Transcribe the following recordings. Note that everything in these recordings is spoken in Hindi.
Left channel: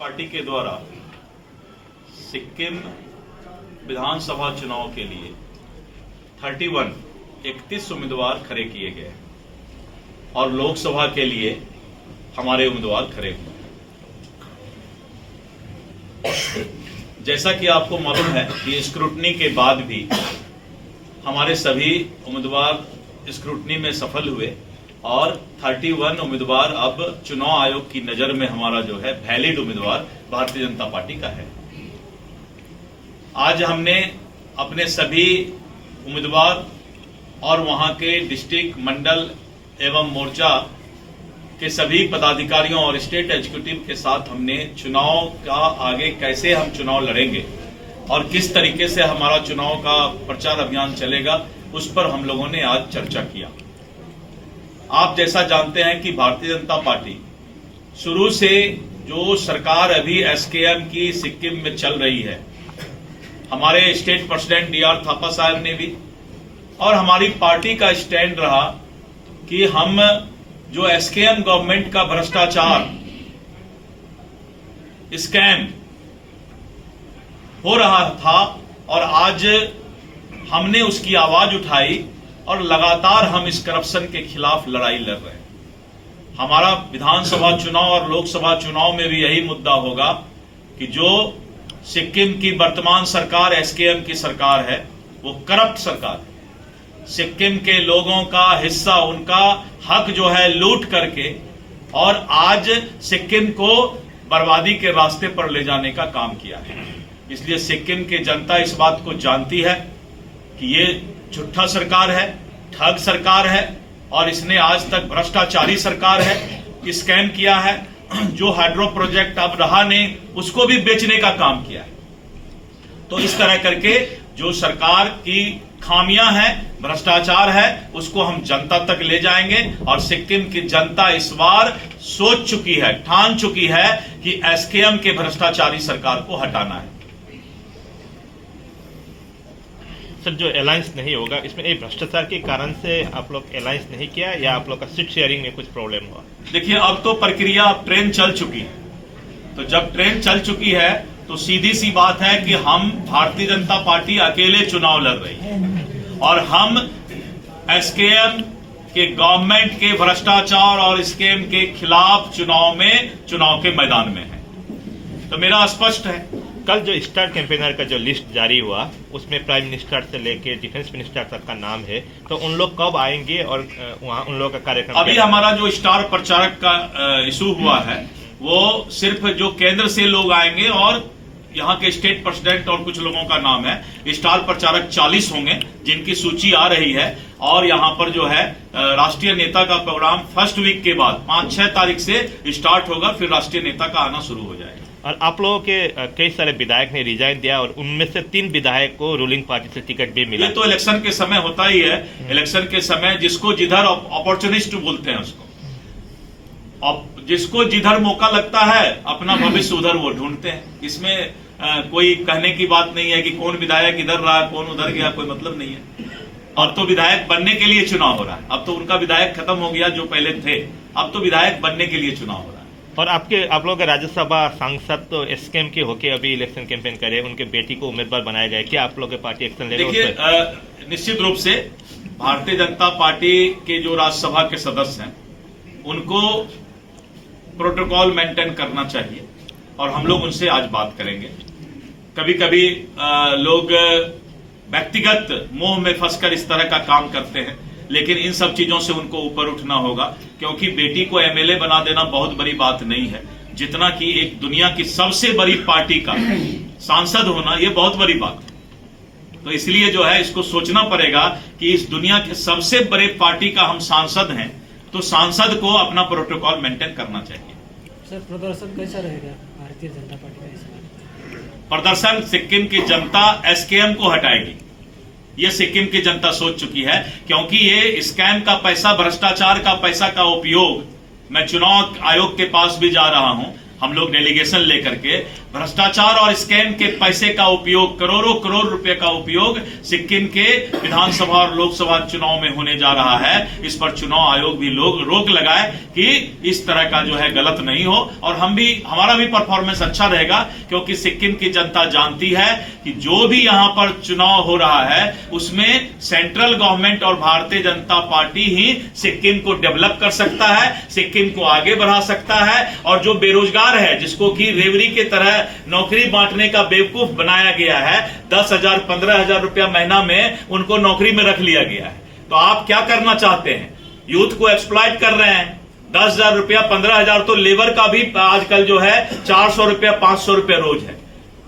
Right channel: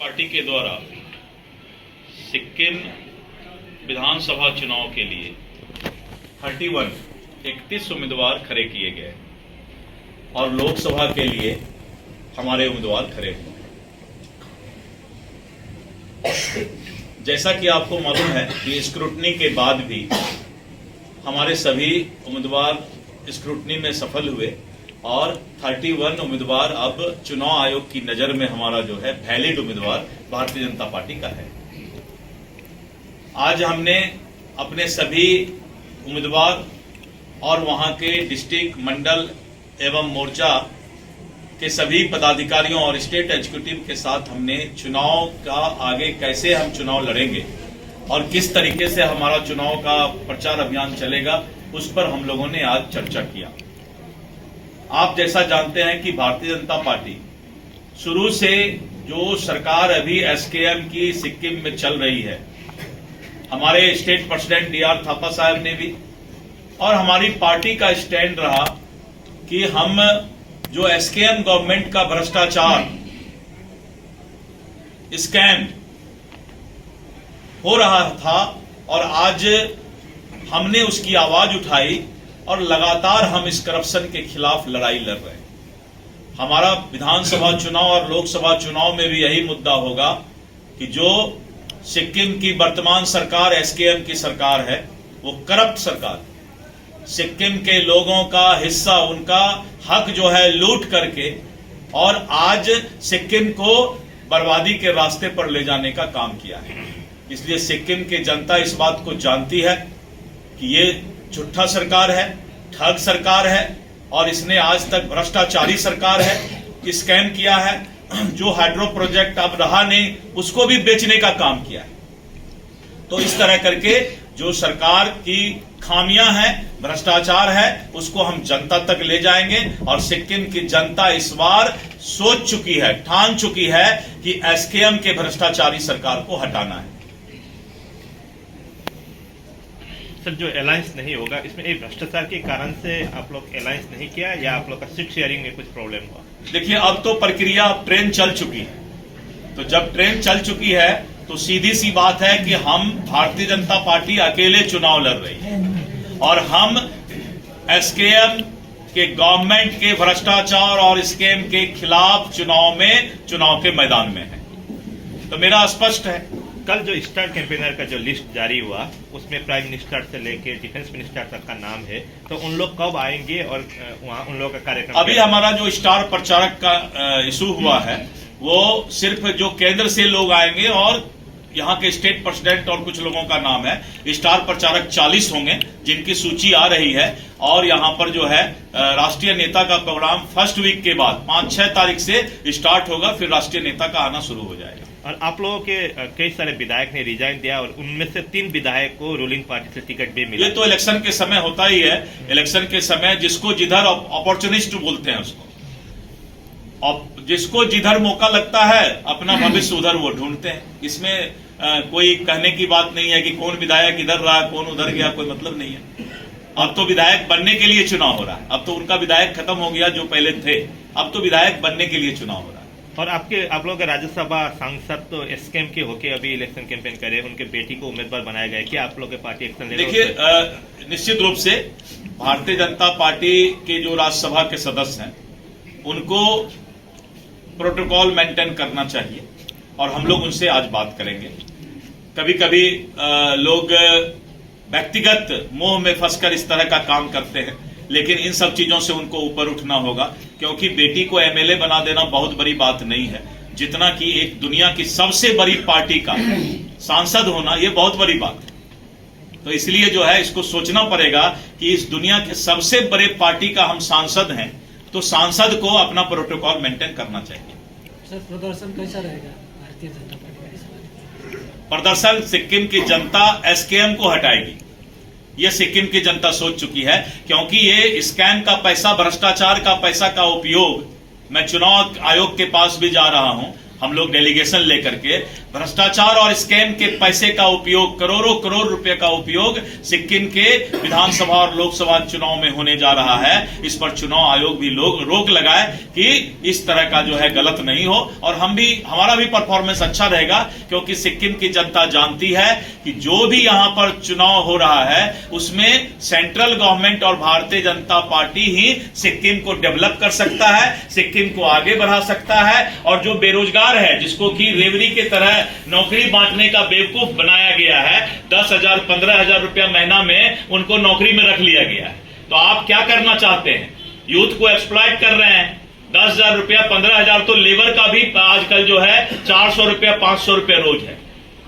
पार्टी के द्वारा सिक्किम विधानसभा चुनाव के लिए 31 उम्मीदवार खड़े किए गए और लोकसभा के लिए हमारे उम्मीदवार खड़े हुए। जैसा कि आपको मालूम है कि स्क्रूटनी के बाद भी हमारे सभी उम्मीदवार स्क्रूटनी में सफल हुए और 31 उम्मीदवार अब चुनाव आयोग की नजर में हमारा जो है वैलिड उम्मीदवार भारतीय जनता पार्टी का है। आज हमने अपने सभी उम्मीदवार और वहां के डिस्ट्रिक्ट, मंडल एवं मोर्चा के सभी पदाधिकारियों और स्टेट एग्जीक्यूटिव के साथ हमने चुनाव का आगे कैसे हम चुनाव लड़ेंगे और किस तरीके से हमारा चुनाव का प्रचार अभियान चलेगा उस पर हम लोगों ने आज चर्चा किया। आप जैसा जानते हैं कि भारतीय जनता पार्टी शुरू से जो सरकार अभी एसकेएम की सिक्किम में चल रही है, हमारे स्टेट प्रेसिडेंट डीआर थापा साहब ने भी और हमारी पार्टी का स्टैंड रहा कि हम जो एसकेएम गवर्नमेंट का भ्रष्टाचार स्कैम हो रहा था और आज हमने उसकी आवाज उठाई और लगातार हम इस करप्शन के खिलाफ लड़ाई लड़ रहे हैं। हमारा विधानसभा चुनाव और लोकसभा चुनाव में भी यही मुद्दा होगा कि जो सिक्किम की वर्तमान सरकार एसकेएम की सरकार है वो करप्ट सरकार है। सिक्किम के लोगों का हिस्सा, उनका हक जो है लूट करके और आज सिक्किम को बर्बादी के रास्ते पर ले जाने का काम किया है। इसलिए सिक्किम की जनता इस बात को जानती है कि ये झूठा सरकार है, ठग सरकार है और इसने आज तक भ्रष्टाचारी सरकार है, स्कैम किया है। जो हाइड्रो प्रोजेक्ट अब रहा नहीं उसको भी बेचने का काम किया है। तो इस तरह करके जो सरकार की खामियां हैं, भ्रष्टाचार है, उसको हम जनता तक ले जाएंगे और सिक्किम की जनता इस बार सोच चुकी है, ठान चुकी है कि एसकेएम के भ्रष्टाचारी सरकार को हटाना है। सर, जो अलायंस नहीं होगा इसमें एक भ्रष्टाचार के कारण से आप लोग अलायंस नहीं किया या आप लोग का सीट शेयरिंग में कुछ प्रॉब्लम हुआ? देखिए, अब तो प्रक्रिया, अब ट्रेन चल चुकी है। तो जब ट्रेन चल चुकी है तो सीधी सी बात है कि हम भारतीय जनता पार्टी अकेले चुनाव लड़ रही है और हम एसकेएम के गवर्नमेंट के भ्रष्टाचार और स्कैम के खिलाफ चुनाव के मैदान में है। तो मेरा स्पष्ट है। कल जो स्टार कैंपेनर का जो लिस्ट जारी हुआ उसमें प्राइम मिनिस्टर से लेकर डिफेंस मिनिस्टर तक का नाम है, तो उन लोग कब आएंगे और वहां उन लोगों का कार्यक्रम? अभी हमारा जो स्टार प्रचारक का इशू हुआ है वो सिर्फ जो केंद्र से लोग आएंगे और यहाँ के स्टेट प्रेसिडेंट और कुछ लोगों का नाम है। स्टार प्रचारक 40 होंगे जिनकी सूची आ रही है और यहाँ पर जो है राष्ट्रीय नेता का प्रोग्राम फर्स्ट वीक के बाद 5-6 तारीख से स्टार्ट होगा, फिर राष्ट्रीय नेता का आना शुरू हो जाएगा। और आप लोगों के कई सारे विधायक ने रिजाइन दिया और उनमें से 3 विधायक को रूलिंग पार्टी से टिकट भी मिला। ये तो इलेक्शन के समय होता ही है। इलेक्शन के समय जिसको जिधर अपॉर्चुनिस्ट बोलते हैं उसको, अब जिसको जिधर मौका लगता है अपना भविष्य उधर वो ढूंढते हैं। इसमें कोई कहने की बात नहीं है कि कौन विधायक इधर रहा कौन उधर गया, कोई मतलब नहीं है। अब तो विधायक बनने के लिए चुनाव हो रहा है। अब तो उनका विधायक खत्म हो गया जो पहले थे, अब तो विधायक बनने के लिए चुनाव हो रहा है। और आप लोगों के राज्यसभा सांसद तो एसकेएम के होके अभी इलेक्शन कैंपेन करे, उनके बेटी को उम्मीदवार बनाया जाए, क्या आप लोगों की पार्टी एक्शन लेगी? देखिए, निश्चित रूप से भारतीय जनता पार्टी के जो राज्यसभा के सदस्य हैं उनको प्रोटोकॉल मेंटेन करना चाहिए और हम लोग उनसे आज बात करेंगे। कभी कभी लोग व्यक्तिगत मोह में फंसकर इस तरह का काम करते हैं, लेकिन इन सब चीजों से उनको ऊपर उठना होगा क्योंकि बेटी को एमएलए बना देना बहुत बड़ी बात नहीं है, जितना कि एक दुनिया की सबसे बड़ी पार्टी का सांसद होना ये बहुत बड़ी बात है। तो इसलिए जो है इसको सोचना पड़ेगा कि इस दुनिया के सबसे बड़े पार्टी का हम सांसद हैं, तो सांसद को अपना प्रोटोकॉल मेंटेन करना चाहिए। सर, प्रदर्शन कैसा रहेगा भारतीय जनता पार्टी का? प्रदर्शन सिक्किम की जनता एसकेएम को हटाएगी, ये सिक्किम की जनता सोच चुकी है क्योंकि ये स्कैम का पैसा, भ्रष्टाचार का पैसा का उपयोग, मैं चुनाव आयोग के पास भी जा रहा हूं, हम लोग डेलीगेशन लेकर के भ्रष्टाचार और स्कैम के पैसे का उपयोग, करोड़ों करोड़ रुपए का उपयोग सिक्किम के विधानसभा और लोकसभा चुनाव में होने जा रहा है। इस पर चुनाव आयोग भी लोग रोक लगाए कि इस तरह का जो है गलत नहीं हो, और हमारा भी परफॉर्मेंस अच्छा रहेगा, क्योंकि सिक्किम की जनता जानती है कि जो भी यहां पर चुनाव हो रहा है उसमें सेंट्रल गवर्नमेंट और भारतीय जनता पार्टी ही सिक्किम को डेवलप कर सकता है, सिक्किम को आगे बढ़ा सकता है। और जो बेरोजगार है, जिसको कि रेवड़ी के तरह नौकरी बांटने का बेवकूफ बनाया गया है, 10,000 15,000 रुपया महीना में उनको नौकरी में रख लिया गया है। तो आप क्या करना चाहते हैं? यूथ को एक्सप्लॉइट कर रहे हैं। 10,000 रुपया 15,000 तो लेबर का भी आजकल जो है 400 रुपया 500 रुपया रोज है।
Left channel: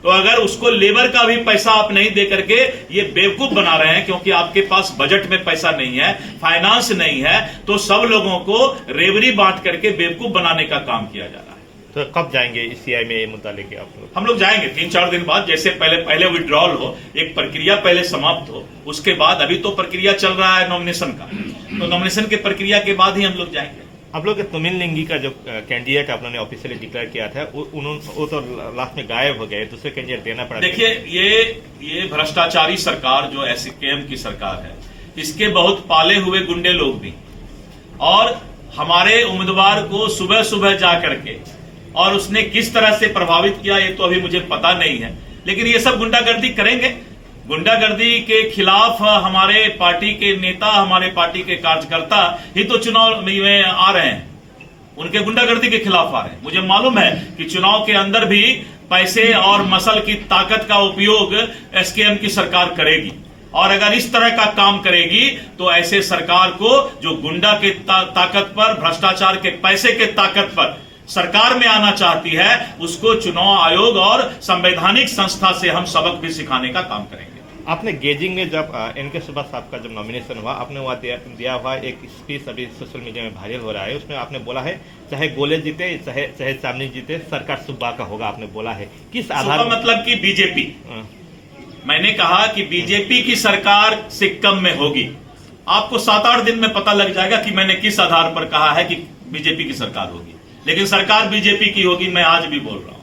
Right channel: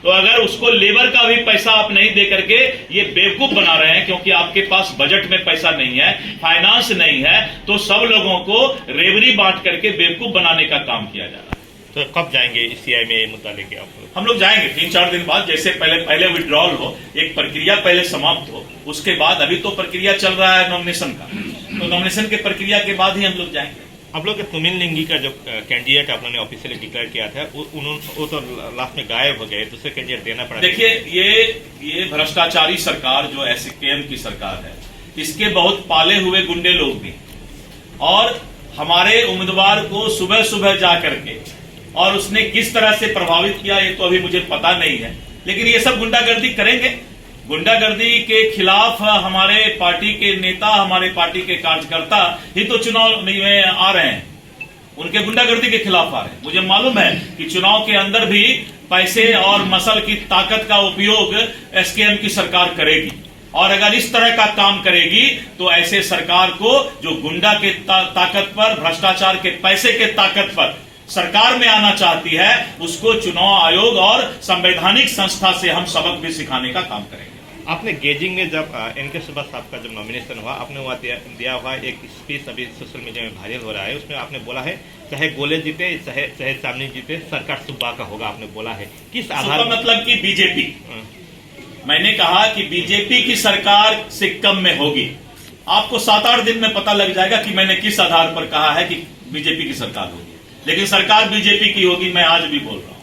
तो अगर उसको लेबर का भी पैसा आप नहीं दे करके ये बेवकूफ बना रहे हैं, क्योंकि आपके पास बजट में पैसा नहीं है, फाइनेंस नहीं है, तो सब लोगों को रेवड़ी बांट करके बेवकूफ बनाने का काम किया जा रहा है। तो कब जाएंगे सीआई में ये मुद्दा लेके आप लोग? हम लोग जाएंगे 3-4 दिन बाद, जैसे पहले विड्रॉल हो, एक प्रक्रिया पहले समाप्त हो, उसके बाद अभी तो प्रक्रिया चल रहा है नॉमिनेशन का, तो नॉमिनेशन के प्रक्रिया के बाद ही हम लोग जाएंगे। आप लोग के तुमिन लिंगी का जो कैंडिडेट आप लोगों ने ऑफिशियली डिक्लेयर किया था वो तो लास्ट में गायब हो गए, दूसरे कैंडिडेट देना पड़ा। देखिए, ये भ्रष्टाचारी सरकार जो एसकेएम की सरकार है, इसके बहुत पाले हुए गुंडे लोग भी, और हमारे उम्मीदवार को सुबह सुबह जा करके, और उसने किस तरह से प्रभावित किया ये तो अभी मुझे पता नहीं है, लेकिन ये सब गुंडागर्दी करेंगे। गुंडागर्दी के खिलाफ हमारे पार्टी के नेता, हमारे पार्टी के कार्यकर्ता ही तो चुनाव में आ रहे हैं, उनके गुंडागर्दी के खिलाफ आ रहे हैं। मुझे मालूम है कि चुनाव के अंदर भी पैसे और मसल की ताकत का उपयोग एसकेएम की सरकार करेगी, और अगर इस तरह का काम करेगी तो ऐसे सरकार को जो गुंडा के ताकत पर, भ्रष्टाचार के पैसे के ताकत पर सरकार में आना चाहती है, उसको चुनाव आयोग और संवैधानिक संस्था से हम सबक भी सिखाने का काम करेंगे। आपने गेजिंग में जब एनके सुभाष साहब का जब नॉमिनेशन हुआ, आपने वहाँ दिया हुआ एक स्पीच अभी सोशल मीडिया में वायरल हो रहा है, उसमें आपने बोला है चाहे गोले जीते चाहे सामने जीते सरकार सुब्बा का होगा, आपने बोला है। किस आधार? मतलब कि बीजेपी, मैंने कहा कि बीजेपी की सरकार सिक्किम में होगी। आपको 7-8 दिन में पता लग जाएगा कि मैंने किस आधार पर कहा है कि बीजेपी की सरकार होगी, लेकिन सरकार बीजेपी की होगी, मैं आज भी बोल रहा हूं।